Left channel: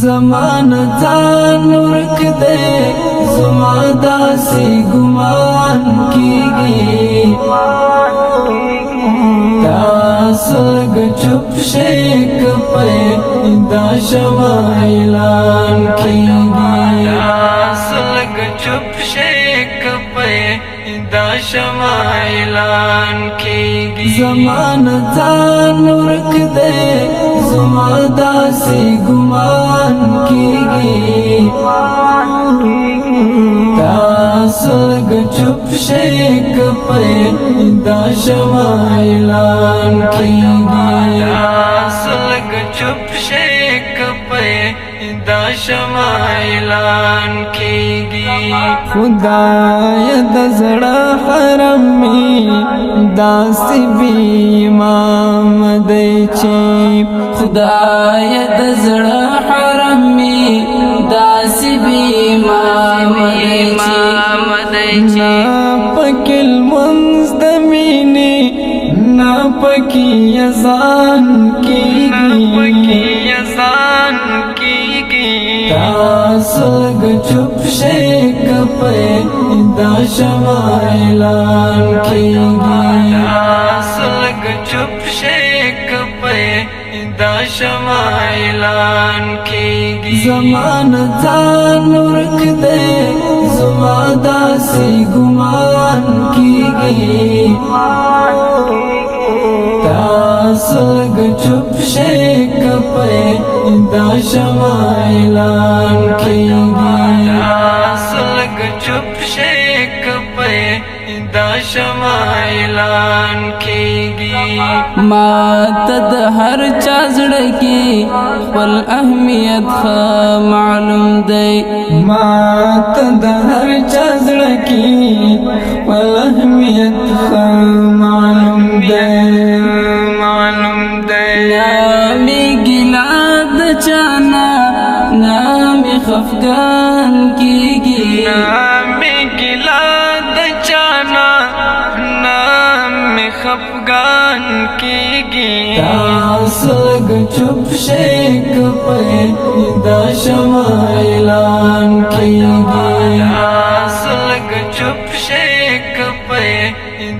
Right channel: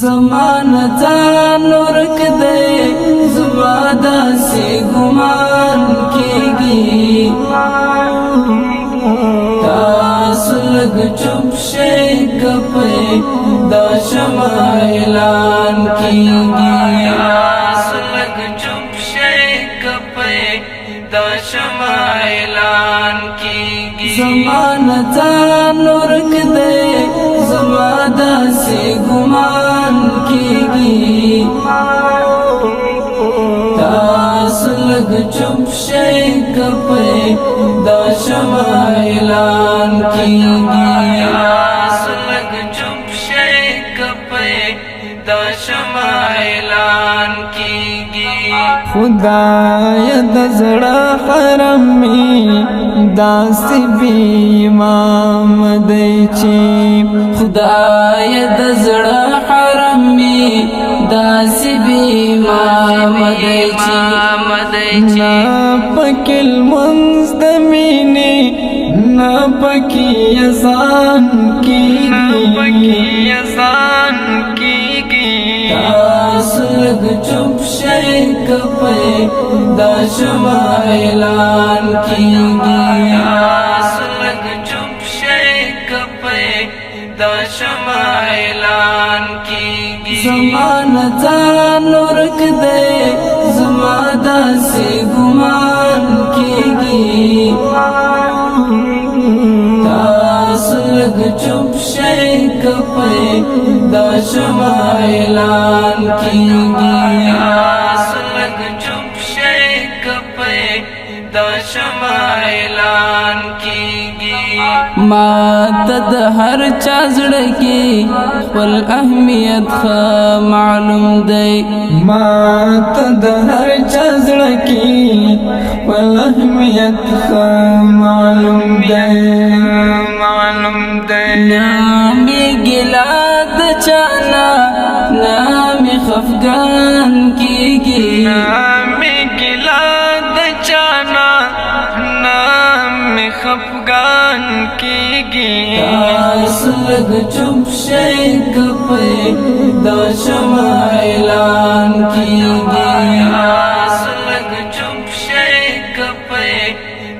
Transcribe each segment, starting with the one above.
زمانه ځان ورک دی زما داسې ګمان کیږي تاسو لږ چوپ شئ که په دا شمع اعلان کیږي تاسو لږ چوپ شئ که په دا شمع اعلان کیږي زمانه ځان ورک دی زما داسې ګمان کیږي تاسو لږ چوپ شئ که په دا شمع اعلان کیږي تاسو لږ چوپ شئ که په دا شمع اعلان کیږي خدای د زړه حرم می داسې بی امام دی چې خدای د زړه حرم می داسې بی امام دی چې نا پکې لمونځ د مینې نا پکې اذان کیږي تاسو لږ چوپ شئ که په دا شمع اعلان کیږي تاسو لږ چوپ شئ که په دا شمع اعلان کیږي زمانه ځان ورک دی زما داسې ګمان کیږي تاسو لږ چوپ شئ که په دا شمع اعلان کیږي تاسو لږ چوپ شئ که په دا شمع اعلان کیږي ما ته د هر چا زړه کې خپل اهمیت ښه معلوم دی ما ته د هر چا زړه کې خپل اهمیت ښه معلوم دی نامې ګیله د چانا نامې خفګان کیږي نامې ګیله د چانا نامې خفګان کیږي تاسو لږ چوپ شئ که په دا شمع اعلان کیږي تاسو لږ چوپ شئ که په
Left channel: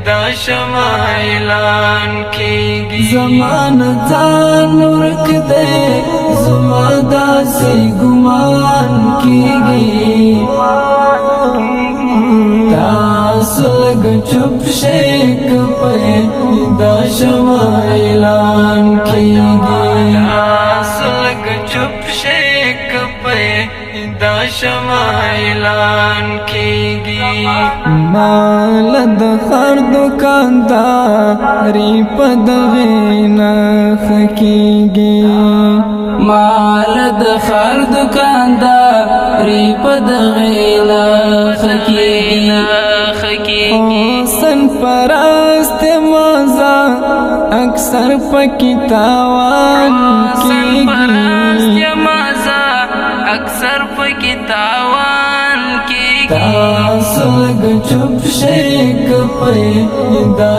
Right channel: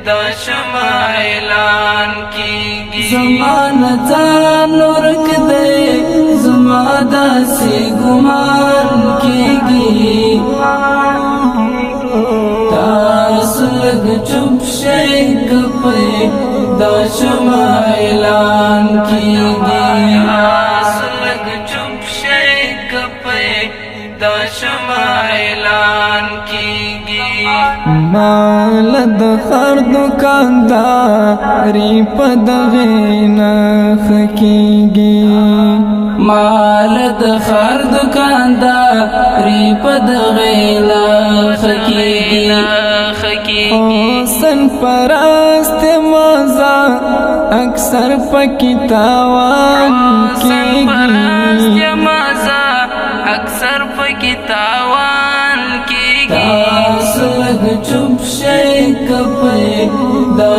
دا شمع اعلان کیږي زمانه ځان ورک دی زما داسې ګمان کیږي تاسو لږ چوپ شئ که په دا شمع اعلان کیږي تاسو لږ چوپ شئ که په دا شمع اعلان کیږي مال د خر دکانداري په دغې نرخ کیږي مال د خر دکانداري په دغې نرخ کیږي حسن پرست مزه اکثر پکې تاوان کیږي اکثر پکې تاوان کیږي تاسو لږ چوپ شئ که په دا